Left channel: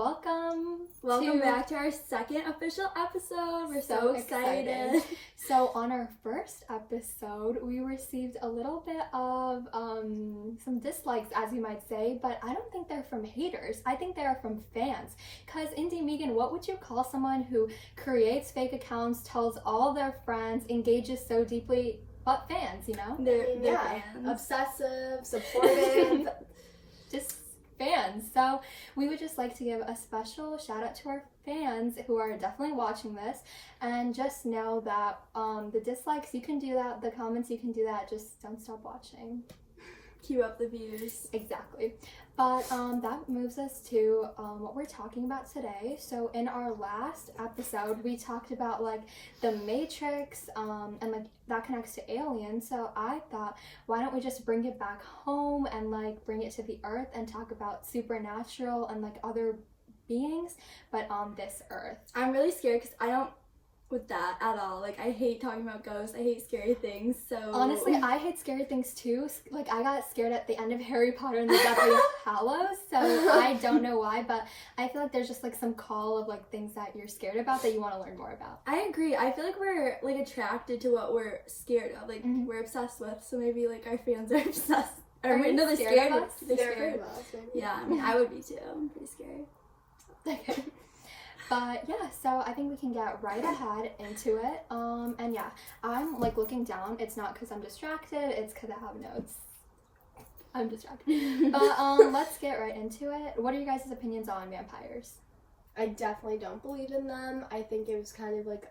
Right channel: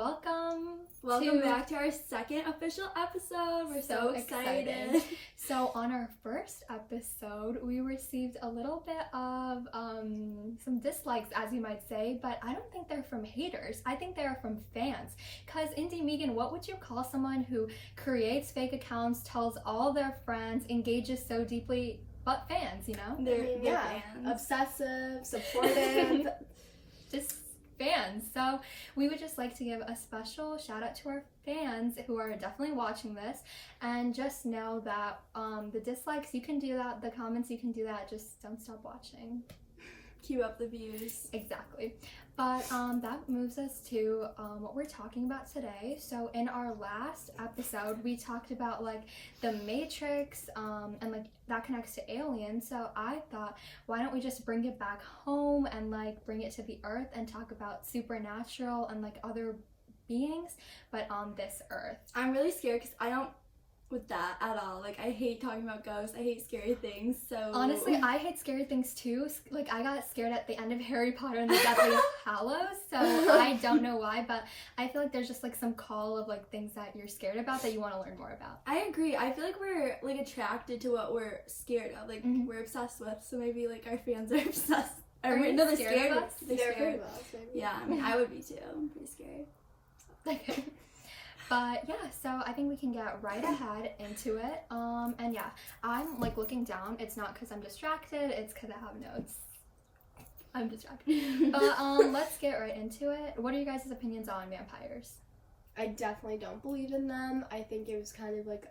Welcome back to our second official episode. We're so excited. So on our first episode, we received a little bit of some dislikes, as you might say, but I don't think they're from haters. I think they're from fans. Because Meighan, what would you call someone who creates fake accounts, tells all their friends, engages so deeply, but fans, you know? They're fans. Obsessive, supportive. Just fans. So we would just like to give a special shout out to our fans who are definitely watching this, and just know that the dislikes, you can do that, the comments, you can do that, just don't stop watching. Cue up the views. Exactly. But that moves us to what we're talking about today. So in our last episode, we talked about like the Matrix and like that connects to aliens. So I thought, why don't we just bring it back home and like bring it to the earth and talk about supernatural and like other beings, but on this earth. I'm really scared because I don't with that at all. Like, I hate talking about ghosts. I hate scary things. So honestly, I hate scary things too. Like, I got scared at the end of Harry Potter and the Deathly Hallows, so I don't know why, but I feel like there's just like some call of like things that you're scared about that you want to learn more about. I agree. I feel like we're like attracted to what we're scared of. Like, we're obsessed with. So maybe like our fans are obsessed. Are you no, they're scared of us? They're Scared scared of us, maybe. Yeah, I mean, I would be too. I'm pretty scared. Okay. But yeah, so I think we can get right ahead into it. And yeah, I'm like looking down. It's not because I'm distracted, it's because I have notes. I'm distracted. But let's get right into it. What are you guys' opinions on vampires? I definitely don't believe in them. I think it was kind of like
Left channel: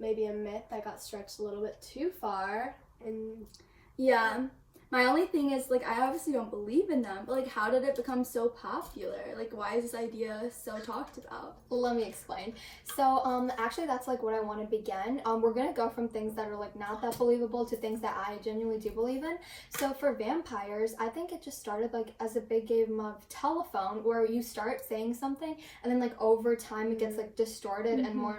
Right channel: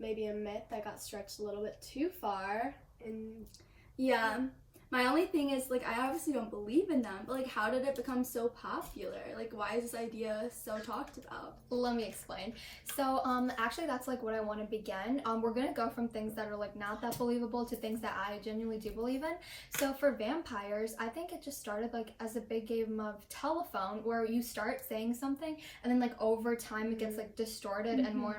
maybe a myth that got stretched a little bit too far. And yeah. My only thing is, like, I obviously don't believe in them, but, like, how did it become so popular? Like, why is this idea so talked about? Let me explain. So, actually, that's, like, what I want to begin. We're going to go from things that are, like, not that believable to things that I genuinely do believe in. So, for vampires, I think it just started, like, as a big game of telephone, where you start saying something, and then, like, over time, it gets, like, distorted and more,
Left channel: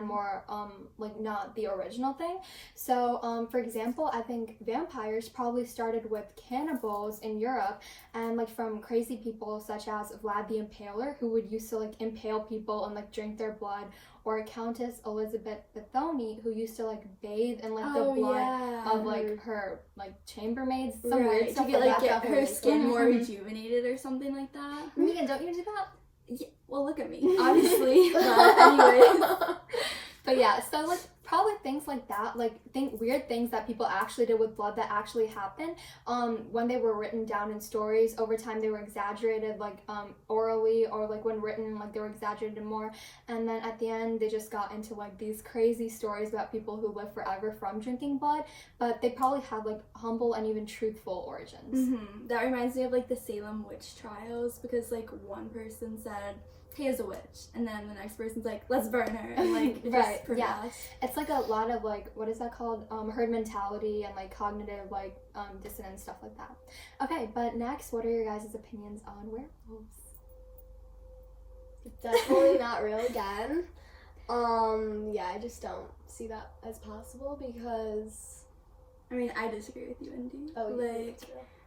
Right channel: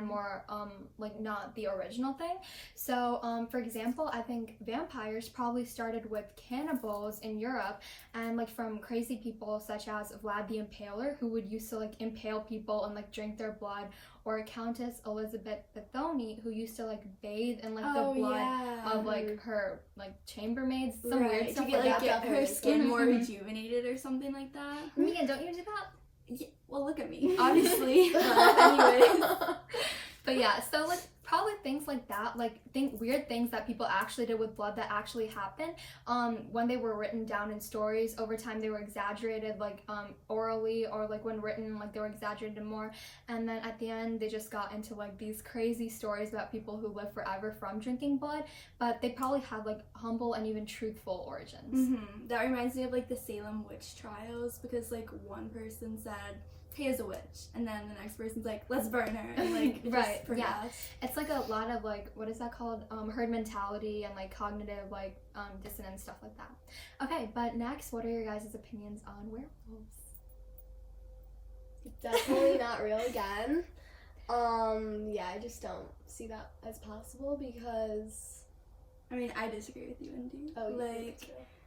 like, not the original thing. So, for example, I think vampires probably started with cannibals in Europe, and like from crazy people such as Vlad the Impaler, who would used to like impale people and like drink their blood, or Countess Elizabeth Bethony, who used to like bathe in like the blood of like her like chambermaids, some weird stuff. To get her skin more rejuvenated or something like that. Meighan, don't you do that? Yeah, well, look at me, obviously. But anyways. But yeah, so like probably things like that, like weird things that people actually did with blood that actually happened. When they were written down in stories, over time they were exaggerated, like orally, or like when written, like they were exaggerated more. And then at the end, they just got into like these crazy stories about people who live forever from drinking blood, but they probably had like humble and even truthful origins. That reminds me of like the Salem witch trials, because like one person said Teya's a witch, and then the next person's like, let's burn her, and like right, yeah, it's like a lot of like, what is that called, herd mentality and like cognitive like dissonance, stuff like that. Okay, but next, what are your guys' opinions on werewolves? Definitely not real again. Yeah, I just don't see that as possible, because I mean, I disagree with you, Indy. Oh, like,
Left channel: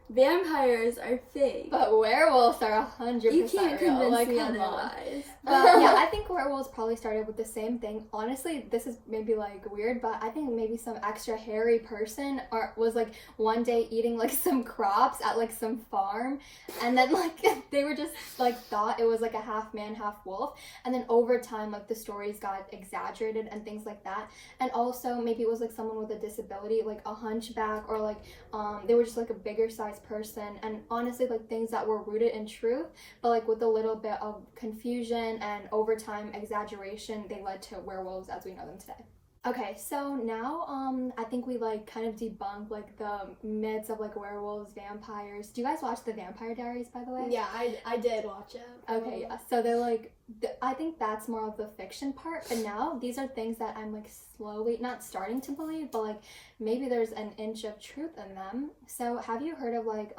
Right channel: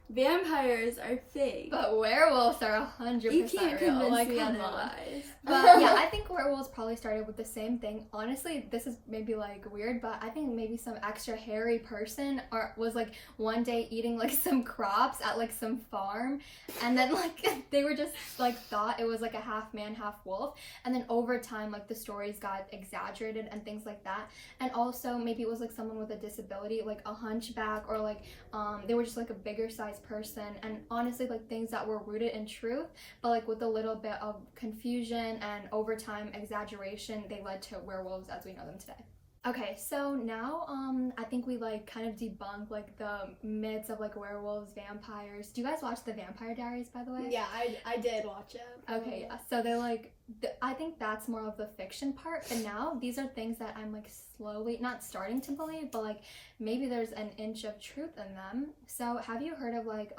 vampires are fake, but werewolves are 100% you can't real. convince Like, me come otherwise. But yeah, I think werewolves probably started with the same thing. Honestly, this is maybe like weird, but I think maybe some extra hairy person was like one day eating like some crops at like some farm, and then like they were just like thought it was like a half man, half wolf, and then over time like the stories got exaggerated and things like that. And also maybe it was like someone with a disability, like a hunchback, or like they were just like a bigger size person, and honestly like things that were rooted in truth, but like with a little bit of confusion and over time exaggeration, they led to werewolves as we know them today. Okay, so now I think we like kind of debunked like the myths of like werewolves, vampires. Do you guys watch The Vampire Diaries, by the way? Yeah, I did watch it. Okay, yeah. So they're like, I think that's more of the fiction part, but now these are things that I'm like slowly, not starting to believe, but like maybe there's an inch of truth in them. So have you heard of like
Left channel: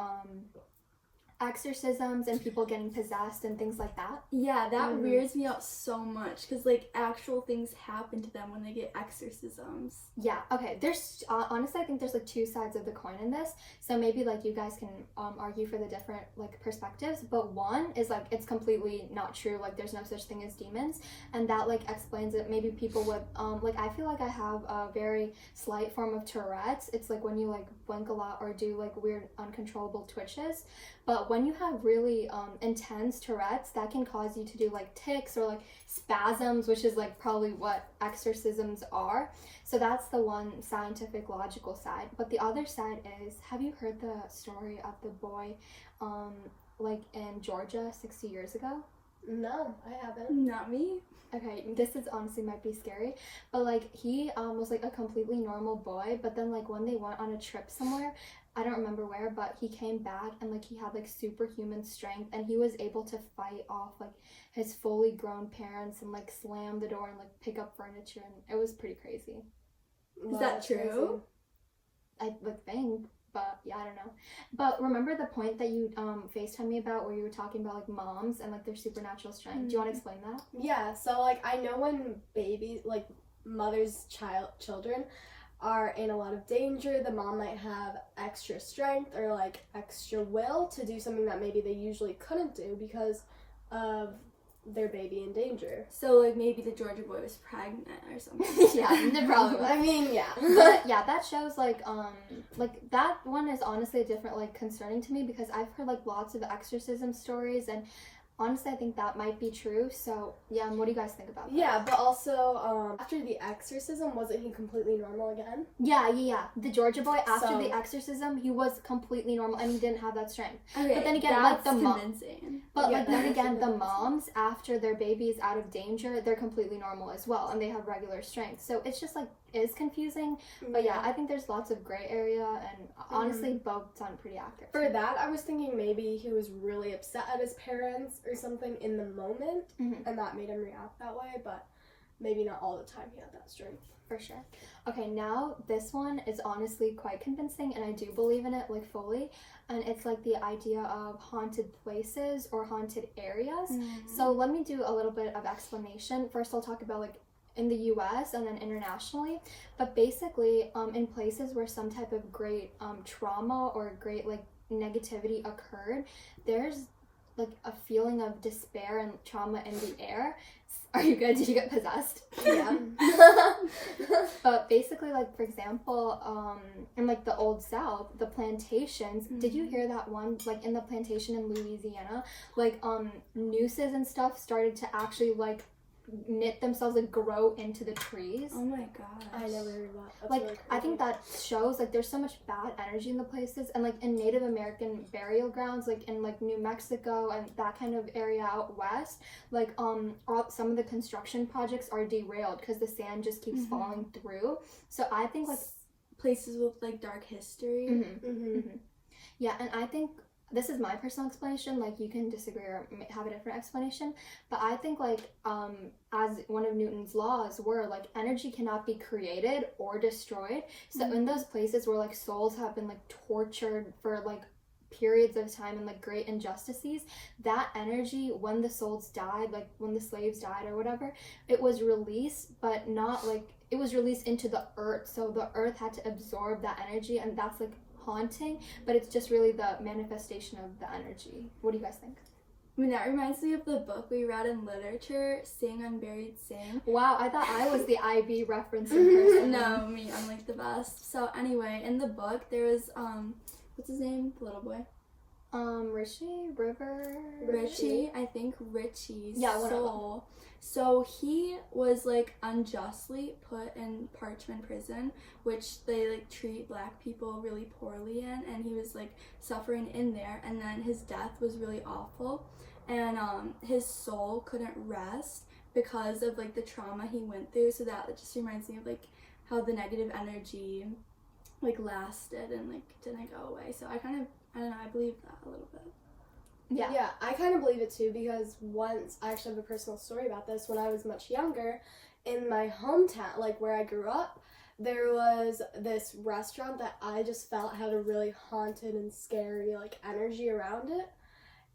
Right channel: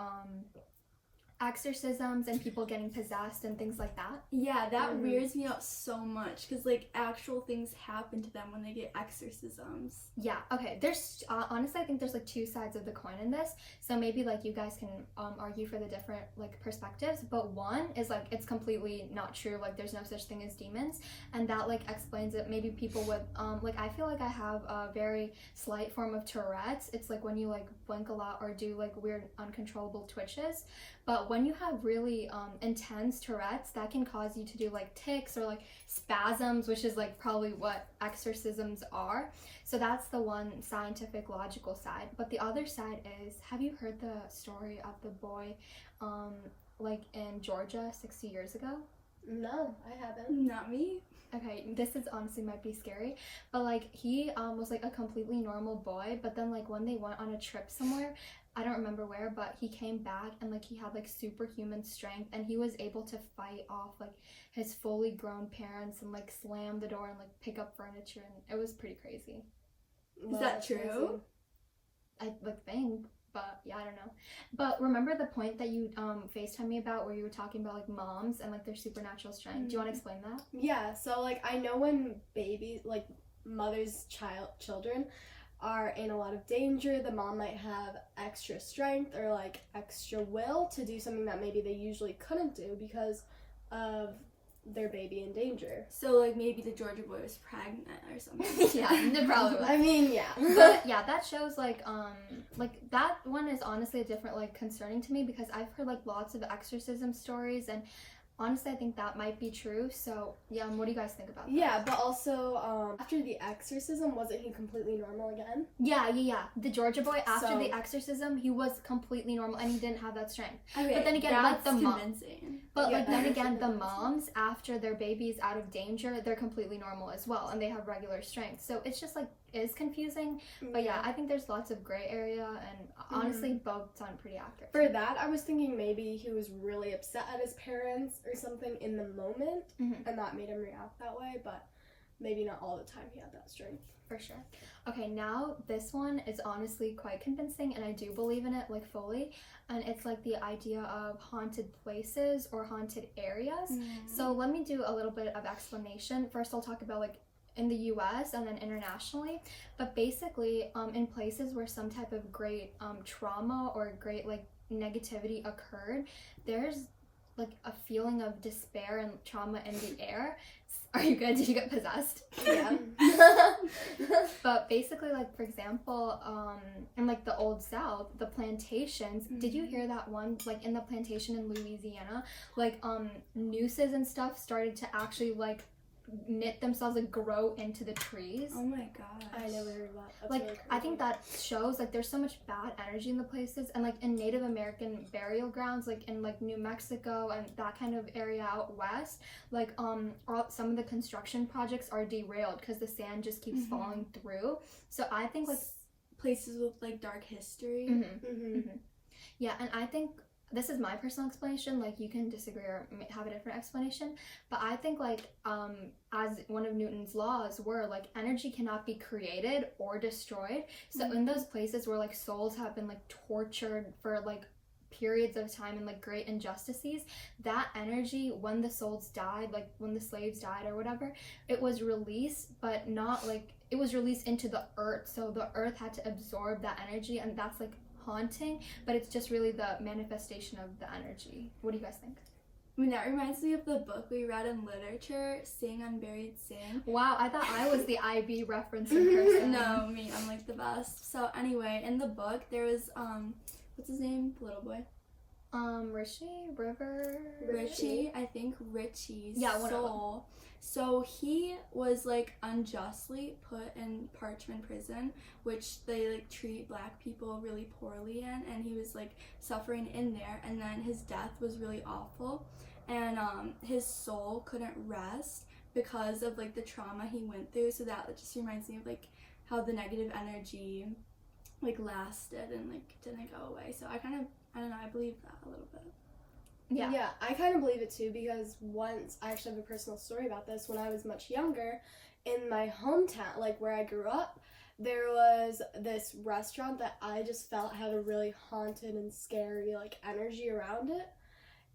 exorcisms and people getting possessed and things like that. Yeah, that weirds me out so much because like actual things happen to them when they get exorcisms. Yeah, okay. There's honestly, I think there's like two sides of the coin in this. So maybe like you guys can argue for the different like perspectives. But one is like it's completely not true. Like there's no such thing as demons, and that like explains it. Maybe people would like I feel like I have a very slight form of Tourette's. It's like when you like blink a lot or do like weird uncontrollable twitches. But when you have really intense Tourette's, that can cause you to do like tics or like spasms, which is like probably what exorcisms are. So that's the one scientific, logical side. But the other side is, have you heard the story of the boy like in Georgia 60 years ago? No, I haven't. Not me. Okay, this is honestly might be scary, but like he was like a completely normal boy, but then like when they went on a trip somewhere, I don't remember where, but he came back and like he had like superhuman strength and he was able to fight off like his fully grown parents and like slam the door and like pick up furniture, and it was pretty crazy. Is that true? I like think, but yeah, I don't know. But remember the point that you FaceTime me about where you were talking about like moms and like their supernatural strength? Do you want to explain that? Yeah, so like I know when babies, like mothers' children are in a lot of danger, the mom might have extra strength or like extra will to do something that maybe they usually couldn't do because of their baby in danger. So like maybe the Georgia boy was pregnant or something. Yeah, the problem. I mean, yeah. But yeah, that shows like that one is honestly a different like concerning to me because I've heard like lots of exorcism stories, and honestly I think that might be true. So yeah, what do you guys think about that? Yeah, but also after the exorcism, wasn't he completely normal again? Yeah. The Georgia boy, after So- the exorcism, he was completely normal and he didn't have that strength. Okay, But then again, that's like the convincing. But Yeah, like then that is again, the convincing. moms, after their baby's out of danger, they're completely normal as well, and they have regular strength. So it's just like is confusing. But yeah, I think there's lots of gray area, and honestly, both sound pretty accurate. For that, I was thinking maybe he was really upset at his parents or something in the moment, and that made him react that way, but maybe not all the time he had that strength. For sure. Okay, now this one is honestly quite convincing, and I do believe in it like fully. And it's like the idea of haunted places or haunted areas. So let me do a little bit of explanation. First, I'll talk about like in the US and then internationally. But basically, in places where some type of great trauma or great like negativity occurred, there's like a feeling of despair and trauma in the air. Are you good? Did you get possessed? Yeah. But basically, like for example, in like the old South, the plantations. Did you hear that one? Like in the plantation in Louisiana, like nooses and stuff started to actually like knit themselves, like grow into the trees. Oh my gosh. I never heard that. That's Like really I think crazy. that shows like there's so much bad energy in the places, and like in Native American burial grounds, like in like New Mexico and that kind of area out west, like some of the construction projects are derailed because the sand just keeps falling through. So I think like places with like dark history. yeah, and I think this is my personal explanation, like you can disagree or have a different explanation, but I think like as one of Newton's laws were, like energy cannot be created or destroyed. So in those places where like souls have been like tortured for like periods of time and like great injustices, that energy, when the souls died, like when the slaves died or whatever, it was released, but not like it was released into the earth, so the earth had to absorb that energy, and that's like haunting, but it's just really the manifestation of the energy. What do you guys think? I mean, that reminds me of the book we read in literature, Sing Unburied Sing. Wow, I thought I was the IB reference person. No, me, I'm like the best. So anyway, in the book there was what's his name? The little boy. Richie, I think Richie's soul. So he was like unjustly put in Parchment prison, which they like treat black people really poorly in, and he was like suffering in there, and then his death was really awful, and his soul couldn't rest because of like the trauma he went through. So that just reminds me of like how the negative energy like lasted and like didn't go away. So I don't know, I believe that a little bit. Yeah, I kind of believe it too, because once, I actually have a personal story about this. When I was much younger, in my hometown, like where I grew up, there was this restaurant that I just felt had a really haunted and scary like energy around it.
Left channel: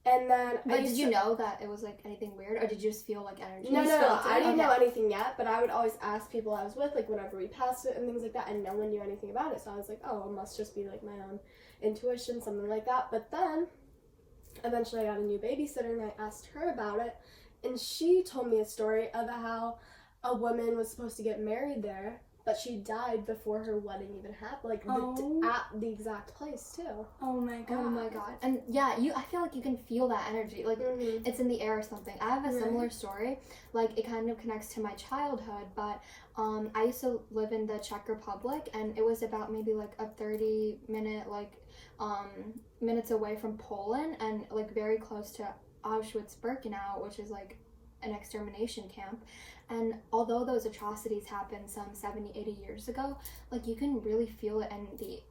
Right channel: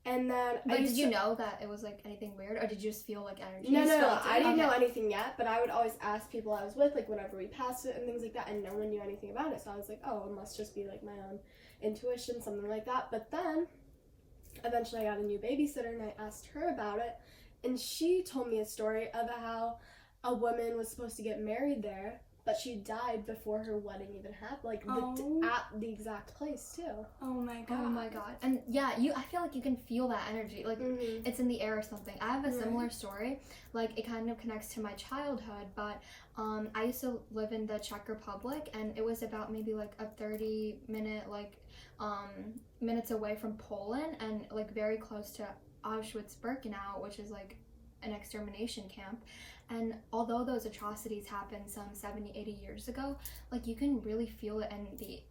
And then But did you know that it was like anything weird, or did you just feel like energy? No. I didn't know anything yet, but I would always ask people I was with, like whenever we passed it and things like that, and no one knew anything about it. So I was like, oh, it must just be like my own intuition, something like that. But then eventually I got a new babysitter, and I asked her about it, and she told me a story of how a woman was supposed to get married there, but she died before her wedding even happened, like at the exact place too. Oh my god. And yeah, I feel like you can feel that energy, like it's in the air or something. I have a similar story, like it kind of connects to my childhood, but I used to live in the Czech Republic, and it was about maybe like a 30-minute minutes away from Poland, and like very close to Auschwitz-Birkenau, which is like an extermination camp. And although those atrocities happened some 70, 80 years ago, like you can really feel it in the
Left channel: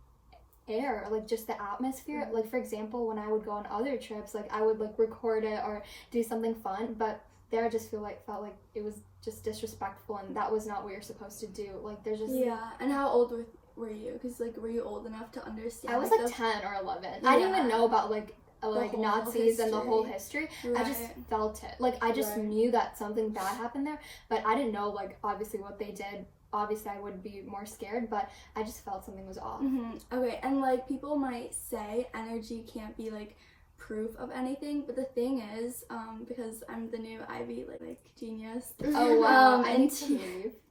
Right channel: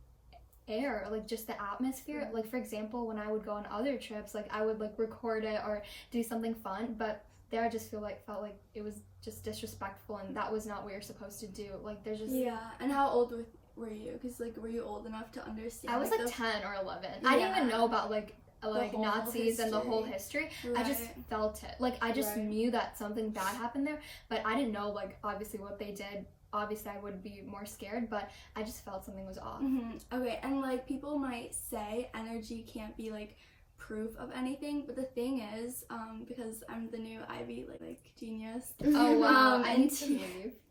air, like just the atmosphere. Like for example, when I would go on other trips, like I would like record it or do something fun, but there I just felt like it was just disrespectful, and that was not what you're supposed to do. Like there's just And how old were you? Because like were you old enough to understand? I was like 10 or 11. I didn't even know about like Nazis and the whole history. I just felt it. Like I just knew that something bad happened there, but I didn't know like obviously what they did. Obviously I would be more scared, but I just felt something was off. Okay, and like people might say energy can't be like proof of anything, but the thing is, because I'm the new Ivy like genius. Oh wow, and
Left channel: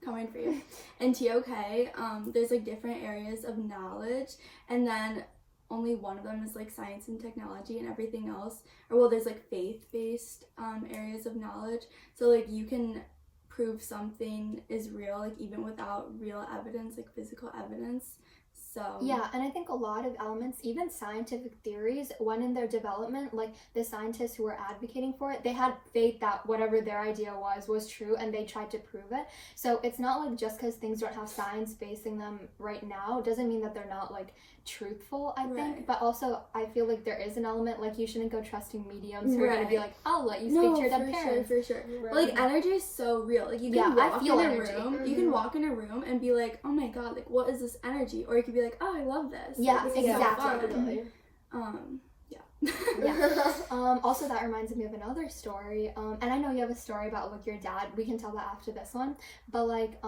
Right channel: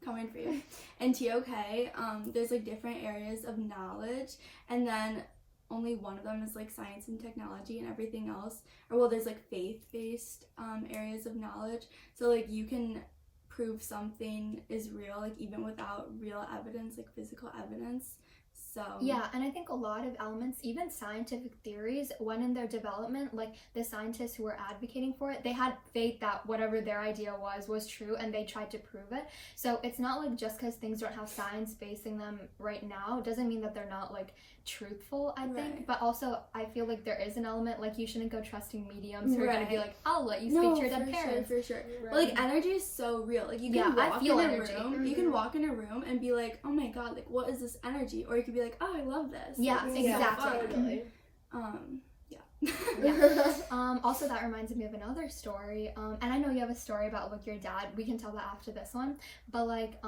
coming for you. And TOK, there's like different areas of knowledge, and then only one of them is like science and technology, and everything else, there's like faith-based areas of knowledge. So like you can prove something is real, like even without real evidence, like physical evidence. So yeah, and I think a lot of elements, even scientific theories, when in their development, like the scientists who were advocating for it, they had faith that whatever their idea was true, and they tried to prove it. So it's not like just because things don't have science basing them right now doesn't mean that they're not like truthful, I think. But also I feel like there is an element, like you shouldn't go trusting mediums who are going to be like, I'll let you speak to your dead parents. For sure. But like energy is so real. Like you can walk in a room, you can walk in a room and be like, oh my god, like what is this energy? Or you could be like, oh, I love this. Yeah, like, exactly. Yeah. Also that reminds me of another story, and I know you have a story about like your dad. We can tell that after this one, but like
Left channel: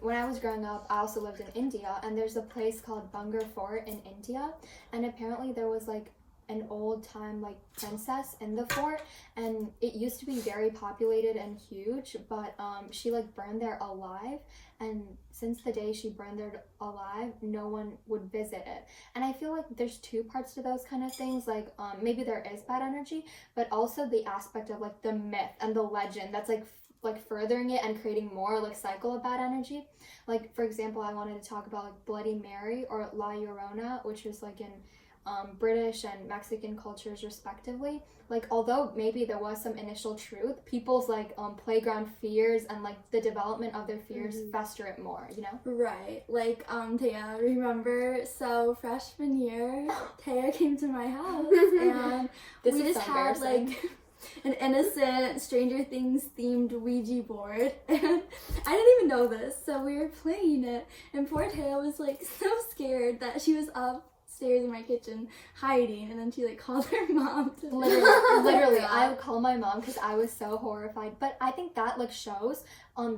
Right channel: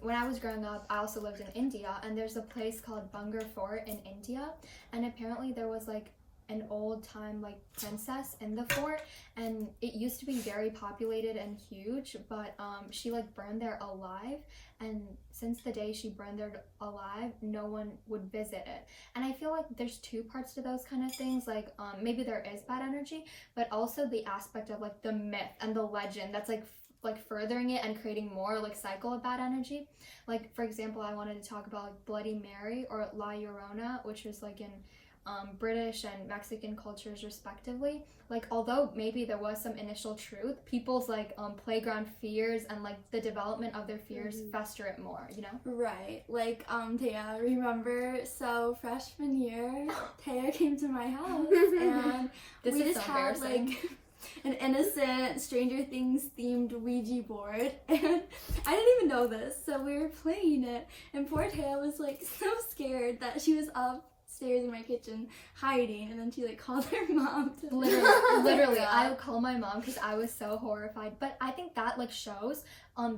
when I was growing up, I also lived in India, and there's a place called Bungar Fort in India, and apparently there was like an old time like princess in the fort, and it used to be very populated and huge, but she like burned there alive, and since the day she burned there alive, no one would visit it. And I feel like there's two parts to those kind of things, like maybe there is bad energy, but also the aspect of like the myth and the legend that's like furthering it and creating more like cycle of bad energy. Like for example, I wanted to talk about like Bloody Mary or La Llorona, which is like in British and Mexican cultures respectively. Like although maybe there was some initial truth, people's like playground fears and like the development of their fears fester it more, you know? Right. Like Teya, remember, so freshman year Teya came to my house and we just had like an innocent Stranger Things themed Ouija board, and I didn't even know this, so we were playing it, and poor Teya was like so scared that she was upstairs in my kitchen hiding, and then she like called her mom to literally I would call my mom because I was so horrified. But I think that like shows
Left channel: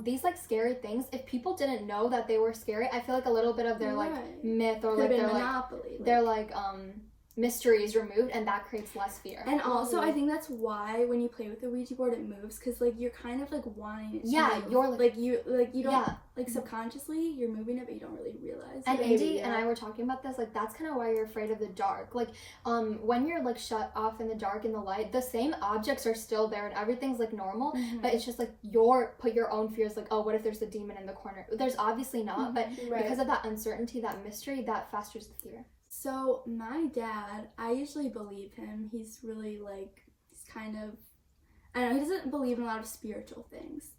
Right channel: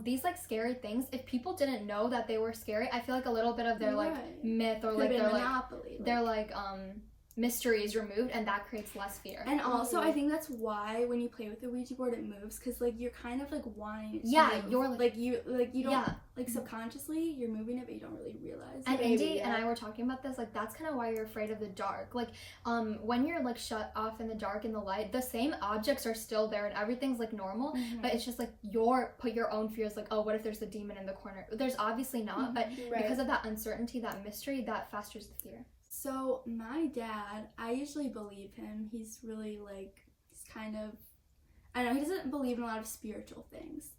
these like scary things, if people didn't know that they were scary, I feel like a little bit of their like myth or like their like mystery is removed, and that creates less fear. And also I think that's why when you play with the Ouija board it moves, because like you're kind of like wanting it to move. You're like you don't like subconsciously you're moving it, but you don't really realize. And Indy and I were talking about this, like that's kind of why you're afraid of the dark. Like when you're like shut off in the dark in the light, the same objects are still there and everything's like normal, but it's just like put your own fears, like, oh, what if there's a demon in the corner? There's obviously not, but because of that uncertainty, that mystery, that festers the fear. So my dad, I usually believe him. He's really like, he's kind of, I don't know, he doesn't believe in a lot of spiritual things.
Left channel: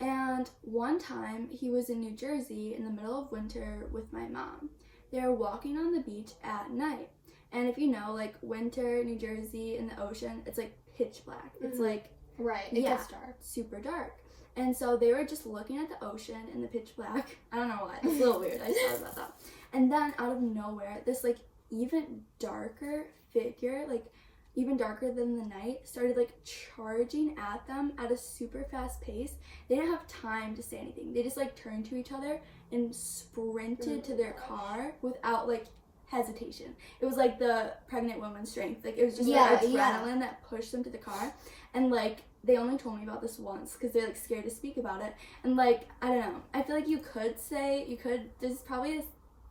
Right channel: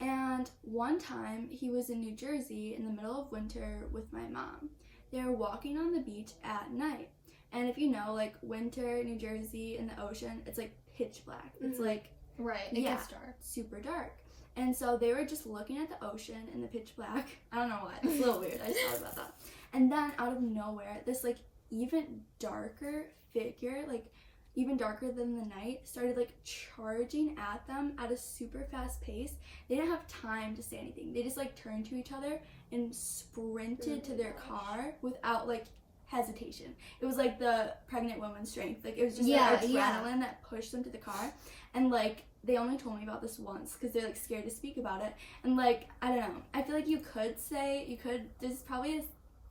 And one time he was in New Jersey in the middle of winter with my mom. They were walking on the beach at night. And if you know, like winter, New Jersey in the ocean, it's like pitch black. It's like, it gets dark. Super dark. And so they were just looking at the ocean in the pitch black. I don't know why. It's a little weird. I just thought about that. And then out of nowhere, this like even darker figure like even darker than the night, started like charging at them at a super fast pace. They didn't have time to say anything. They just like turned to each other and sprinted to their car without like hesitation. It was like the pregnant woman's strength. Like it was just like adrenaline that pushed them to the car. And like they only told me about this once because they're like scared to speak about it. And like I don't know, I feel like there's probably a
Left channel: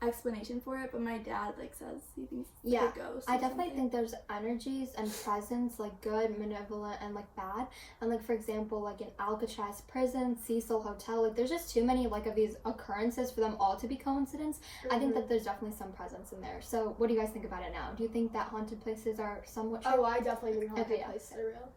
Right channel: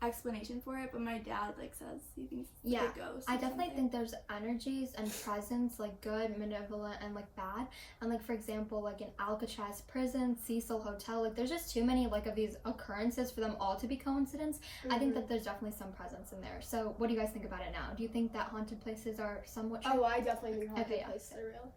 explanation for it, but my dad like says he thinks it's a ghost. I definitely think there's energies and presence, like good, malevolent, and like bad. And like for example, like in Alcatraz prison, Cecil Hotel, like there's just too many like of these occurrences for them all to be coincidence. I think that there's definitely some presence in there. So what do you guys think about it now? Do you think that haunted places are somewhat true? Oh, I definitely think haunted places are real.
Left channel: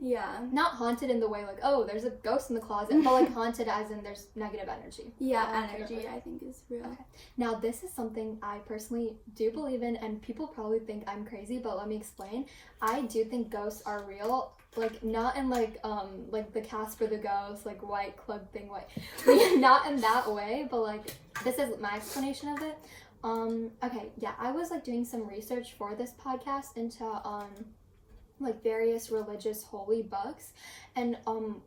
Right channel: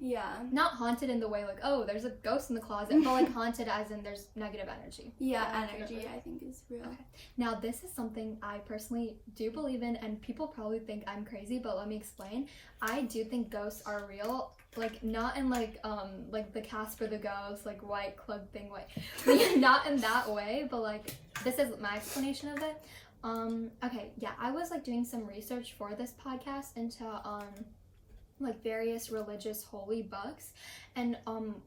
Yeah. Not haunted in the way like, oh, there's a ghost in the closet, but like haunted as in there's negative energy. Yeah, energy I think is real. Okay. Now this is something I personally do believe in, and people probably think I'm crazy, but let me explain. I do think ghosts are real. Like not in like the Casper the Ghost, like white club thing, not in that way, but like this is my explanation of it. Okay, yeah, I was like doing some research for this podcast into like various religious holy books, and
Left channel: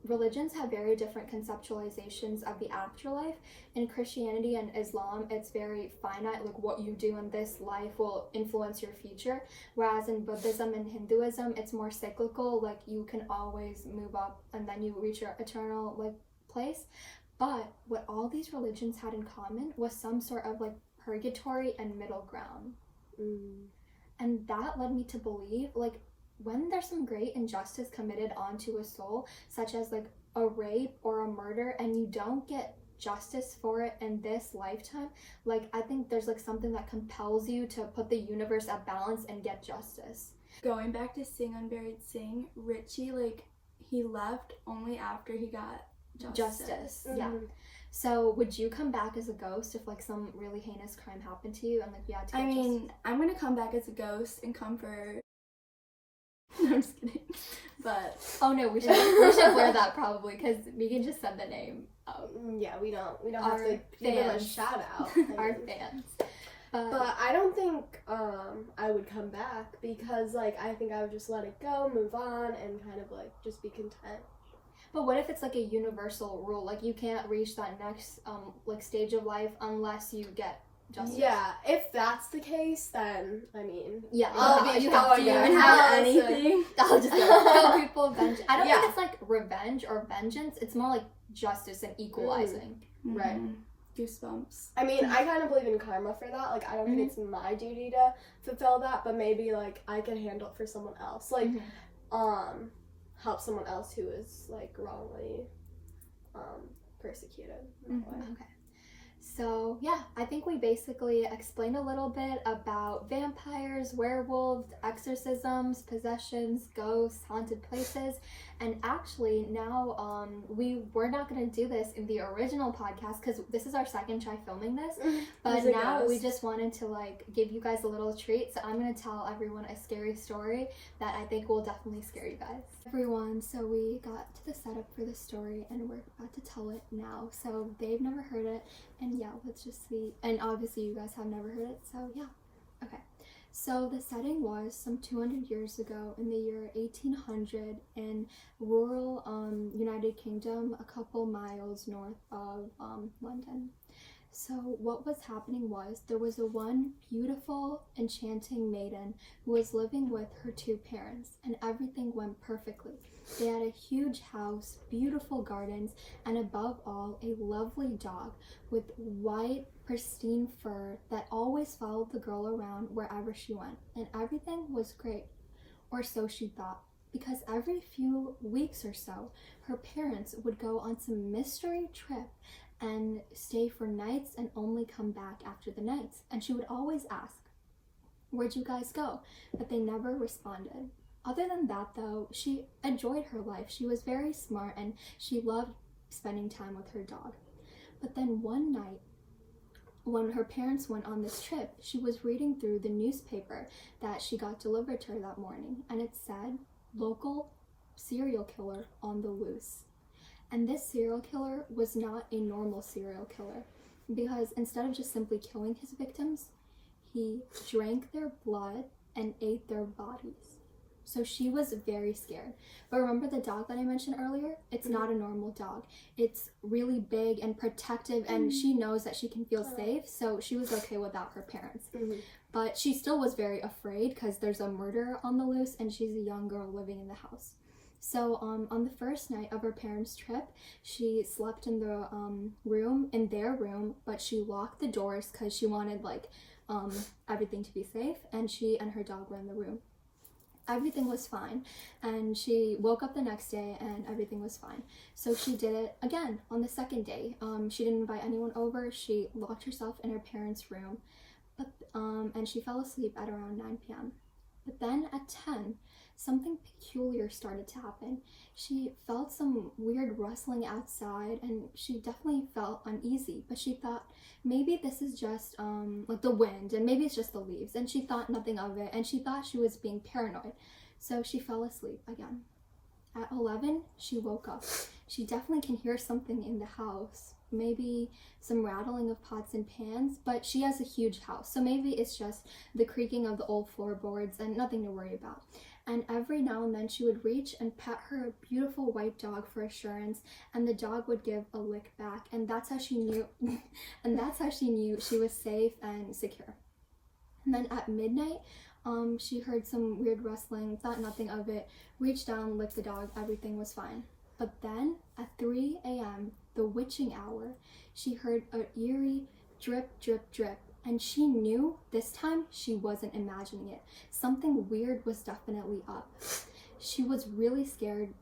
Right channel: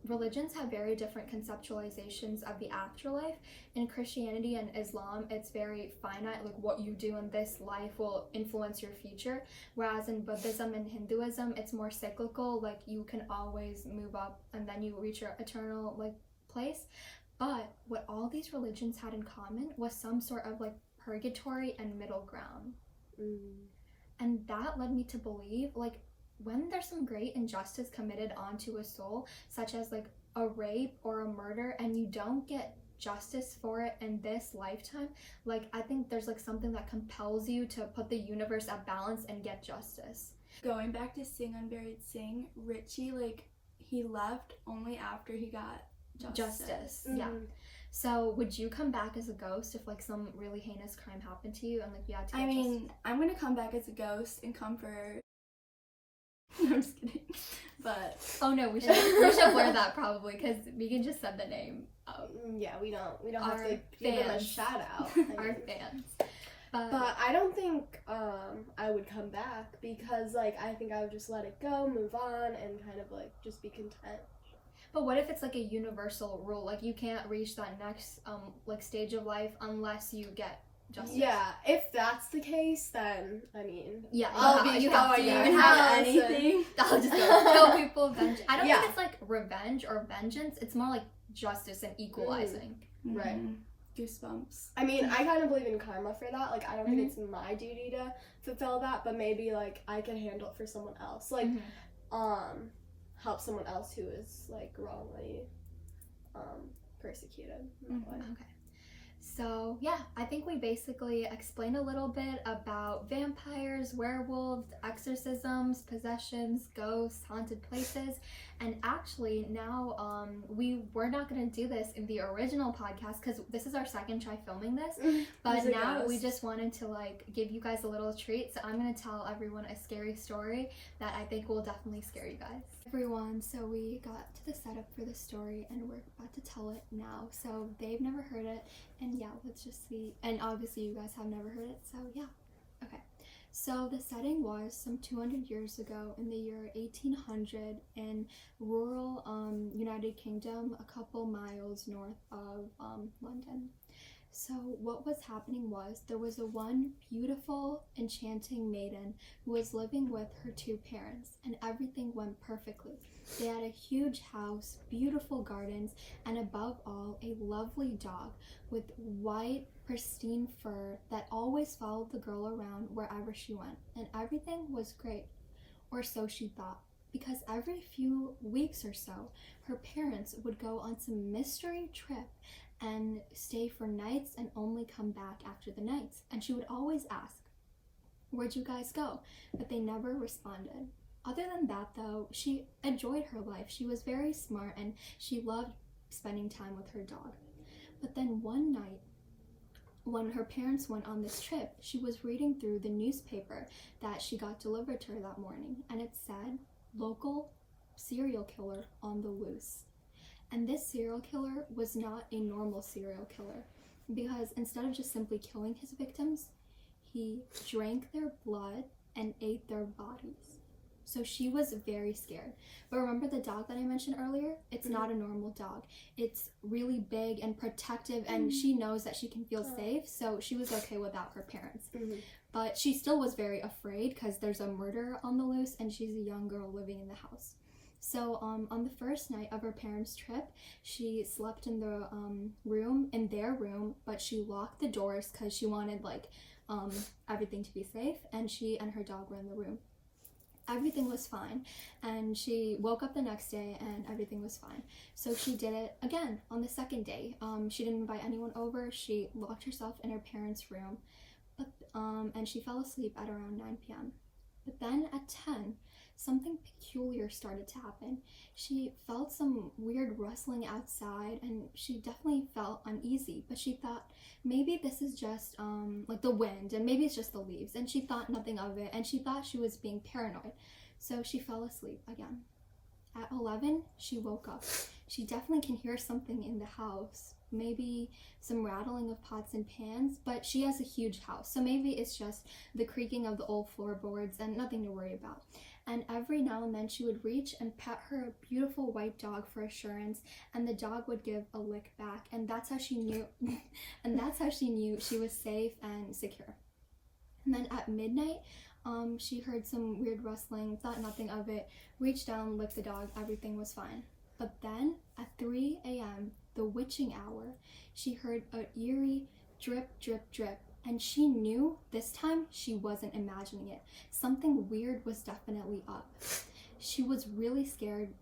religions have very different conceptualizations of the afterlife. In Christianity and Islam, it's very finite, like what you do in this life will influence your future, whereas in Buddhism and Hinduism it's more cyclical, like you can always move up and then you reach your eternal like place. But what all these religions had in common was some sort of like purgatory and middle ground. And that led me to believe like when there's some great injustice committed onto a soul, such as like a rape or a murder, and you don't get justice for it in this lifetime, like I think there's like something that compels you to put the universe at balance and get justice. Going back to Sing Unburied Sing, Richie, like he left only after he got justice. Yeah. So would you come back as a ghost if like some really heinous crime happened to you and like you had to get justice? I'm gonna come back as a ghost and come for no, I'm just kidding. But oh no, we should wear that probably because Meighan just said the name. Yeah, we don't have to give them a shout out. Our fans. But I don't think I would come back because like I think I would just let it go, move on, and kind of like just be content. But what if it's like a universal rule, like you can't reach that next like stage of life unless you get justice? Yeah, if that's the case, then I mean, you have to even have anything. I'll just kill people. I don't think it's like revenge or vengeance. It's more like justice and equalizing. Right. Goosebumps. I mean, I kind of believe in karma for that. Like, I don't think it's my duty to fulfill that, but maybe like I can handle it for someone else. Like, help someone else who is like wrongly persecuted. Okay. So yeah, I think we basically explained a little bit about vampires, werewolves, exorcisms, possessions, ghosts, haunted places, and actually now we were not going to do this in the original podcast because this is our second try filming this, but now we just wanted to like give you guys a little treat. So I'm going to tell everyone a scary story that I think will definitely scare you guys. Everyone, so we got to the setup for the story and we're about to tell it now. So they've never heard it, and yeah, let's just see. And obviously you guys have never heard it, so yeah. Okay. So the setting was some 200 years ago in the year 1800 in rural United Kingdom, a couple miles north of London. So what was happening was there was one beautiful, enchanting maiden who was living with her two parents, and everything went perfectly. They had a huge house, beautiful gardens, and above all, a lovely dog with white, pristine fur that always followed the girl around wherever she went, and everything was great, or so she thought, because every few weeks or so, her parents would go on some mystery trip and stay for nights and only come back after the nights. And she would always ask, "Where'd you guys go?" But they never responded. Other than that though, she enjoyed her life. She was very smart and she loved spending time with her dog. But then one night, when her parents went on this trip, she was reading through the newspaper that she got delivered to her that morning, and it said, "Local serial killer on the loose." And this serial killer was not a normal serial killer, because instead of just simply killing his victims, he drank their blood and ate their bodies. So she was very scared. But remember the dog that I mentioned earlier? It's not a normal dog. It's really big and protective, and she knows that she can feel safe, so she was okay without her parents. But she still was very afraid because there's a murderer on the loose, and she's a young girl living in the house. So on the first night of her parents' trip, she slept in the in their room, but she locked the doors because she wanted everything to be safe, and she and her dog were in the room. Everything was fine, and she woke up the next day and everything was fine. So she did it again on the second day. She didn't invite anyone over. She locked herself in her parents' room, and she fell asleep at around 9 p.m. But then at 10, something peculiar started to happen. She felt some weird rustling outside, and she definitely felt uneasy, but she thought maybe this is just the wind, and maybe it's just the leaves, and she thought nothing of it, and she thought she was being paranoid. So she fell asleep again. At 11, she woke up. She definitely can hear something in the house, maybe some rattling of pots and pans, but she has a huge house, so maybe it's just the creaking of the old floorboards and nothing to worry about. And every now and then she would reach and pet her beautiful white dog for assurance, and the dog would give a lick back, and that's how she knew she was safe and secure. And then at midnight, she heard some weird rustling, thought nothing of it, reached down, licked the dog, everything was fine. But then at 3 a.m., the witching hour, she heard an eerie drip, drip, drip. And she knew this time she wasn't imagining it. Something weird was definitely up. She was really scared,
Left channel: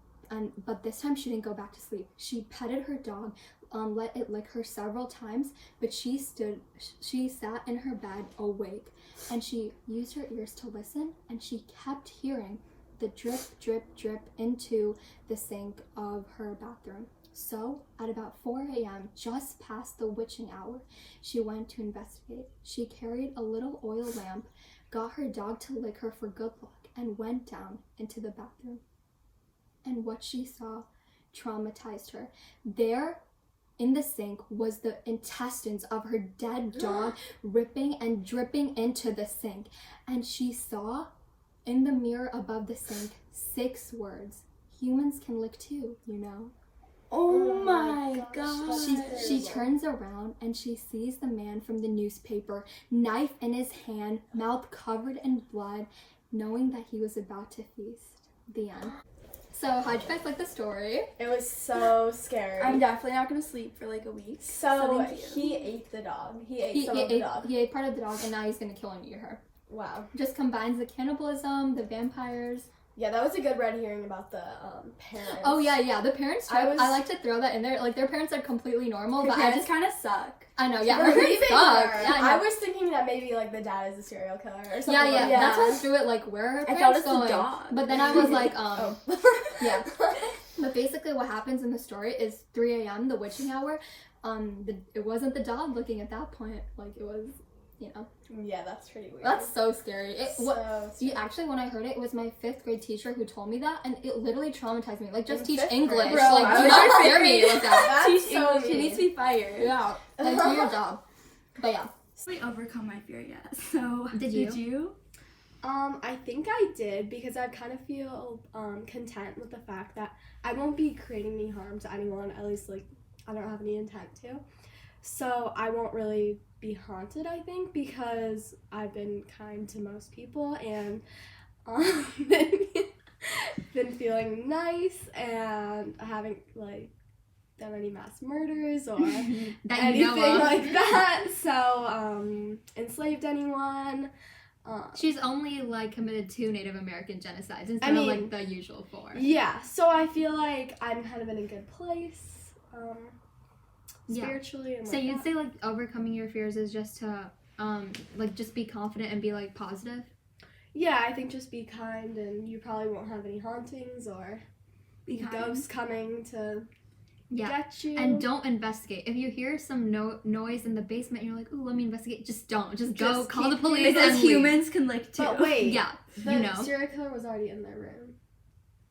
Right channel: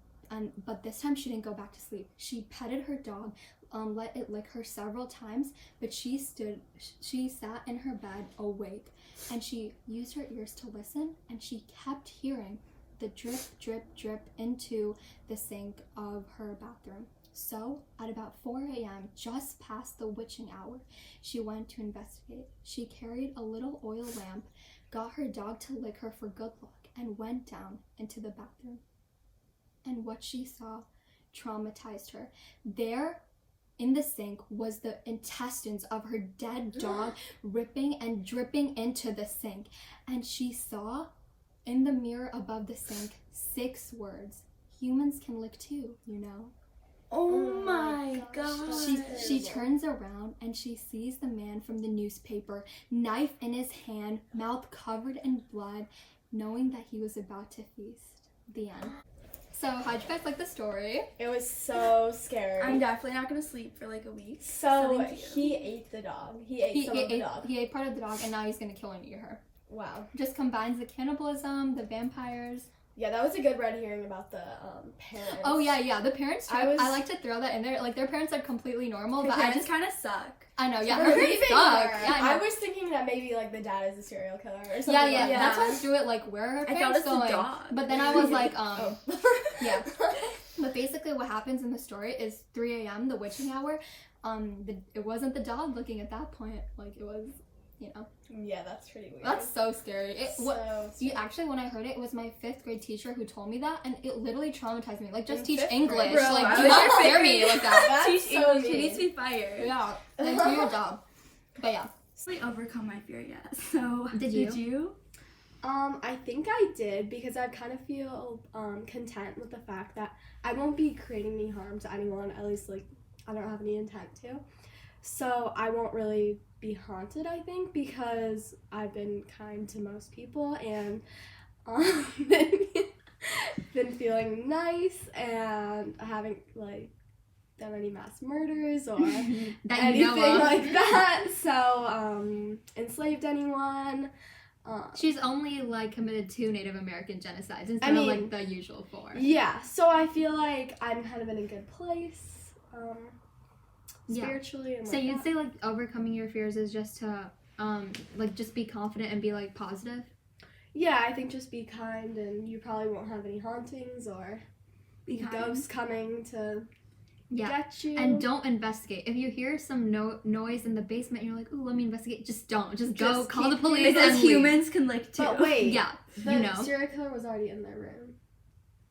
but this time she didn't go back to sleep. She petted her dog, let it lick her several times, but she sat in her bed awake, and she used her ears to listen, and she kept hearing the drip, drip, drip into the sink of her bathroom. So, at about 4 a.m., just past the witching hour, she went to investigate. She carried a little oil lamp, got her dog to lick her for good luck, and went down into the bathroom. And what she saw traumatized her. There, in the sink, was the intestines of her dead dog ripping and dripping into the sink. And she saw, in the mirror above the sink, 6 words. Humans can lick too, you know. Oh my gosh. She turns around and she sees the man from the newspaper, knife in his hand, mouth covered in blood, knowing that he was about to feast. The end. So, how'd you guys like the story? It was so scary. I'm definitely not gonna sleep for like a week. So he ate the dog. He ate the dog. He ate part of the dog, and now he's gonna kill and eat her. Wow. Just combines the cannibalism, the vampires. Yeah, that was a good red herring about the parents. Oh yeah, the parents. I like to throw that in there. Like, their parents are completely normal, but I just kind of suck. I know, yeah. Her parents suck. Yeah, I was thinking that maybe like the dad is a serial killer or something. Yeah. That's why I threw it. Like, where are her parents I thought it was going? the dog. But then I was like, yeah. But basically, what happens in the story is 3 a.m. the witching hour. It wasn't the dog looking at that point. Like, it was, you know. Yeah, that's pretty weird. That's so scary. Actually, when I heard it, it was my 5th grade teacher who told me that, and it literally traumatized me. Like, just teach English. Bro, like, do not scare me like that. That's Teach so English. mean. She needs to be fired. Yeah, like, do your job. But yeah. I overcome my fear yet. So Did you? I think I did, because I kind of feel content with the fact that I won't be creating any harm to anyone. At least, like, I don't have any intent to. So I won't really be haunted, I think, because I've been kind to most people and been feeling nice, and I haven't like done any mass murders or anything like that. So enslaved anyone. She's only like committed 2 Native American genocides instead of like the usual 4. Yeah, so I feel like I'm kind of in a good place. Spiritually and so you'd say like overcoming your fears is just to like just be confident and be like positive? Yeah, I think just be kind, and you probably won't have any hauntings or ghosts coming to get you. And don't investigate. If you hear some noise in the basement and you're like, ooh, let me investigate, just don't. Just go call the police. Because humans can lick too. But wait, the serial killer was already in their room.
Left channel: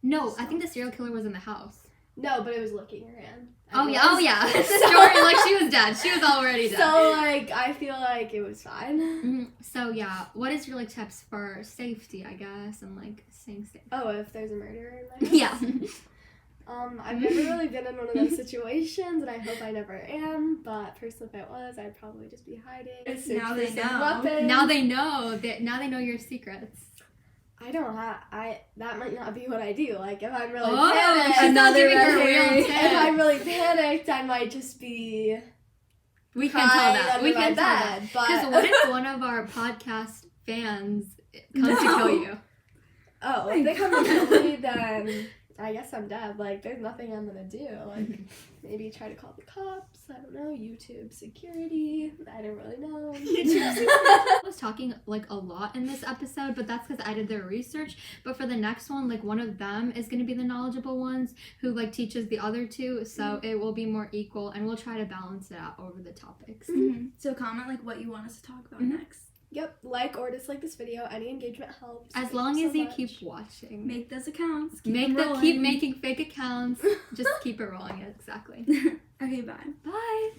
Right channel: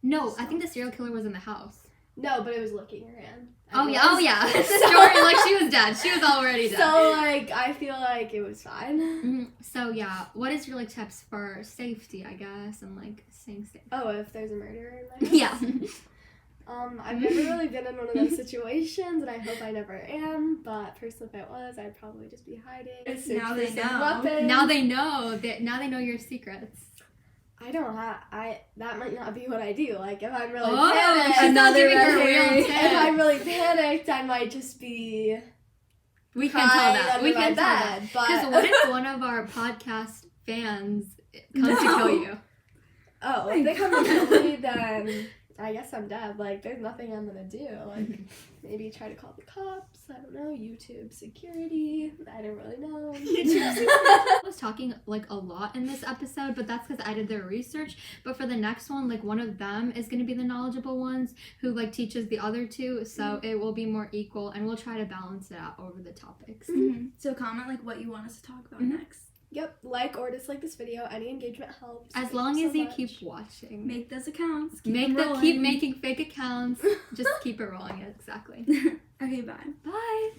No, I think the serial killer was in the house. No, but it was looking her in. Oh yeah. Story, like she was dead. She was already dead. So like I feel like it was fine. Mm-hmm. So yeah, what is your like tips for safety, I guess, and like staying safe? Oh, if there's a murderer in there. Yeah. I've never really been in one of those situations, and I hope I never am. But personally, if it was, I'd probably just be hiding. Now they know. Weapons. Now they know that. Now they know your secrets. I don't have. That might not be what I do. Like if I'm really Oh, panicked, she's not giving her real if tip. I'm really panicked, I might just be. We can tell that. under We my can tell bed, that. but- Because what if one of our podcast fans comes to kill you? Oh, if they come to kill me, then I guess I'm dead. Like, there's nothing I'm gonna do. Like, maybe try to call the cops. I don't know. YouTube security. I don't really know. I was talking like a lot in this episode, but that's because I did their research. But for the next one, like one of them is going to be the knowledgeable ones who like teaches the other two, so it will be more equal, and we'll try to balance it out over the topics. Mm-hmm. So comment like what you want us to talk about next. Yep, like or dislike this video. Any engagement helps. As Thank long you as so you much. keep watching. Make those accounts. Keep making fake accounts. Just keep it rolling. Exactly. Okay, bye. Bye.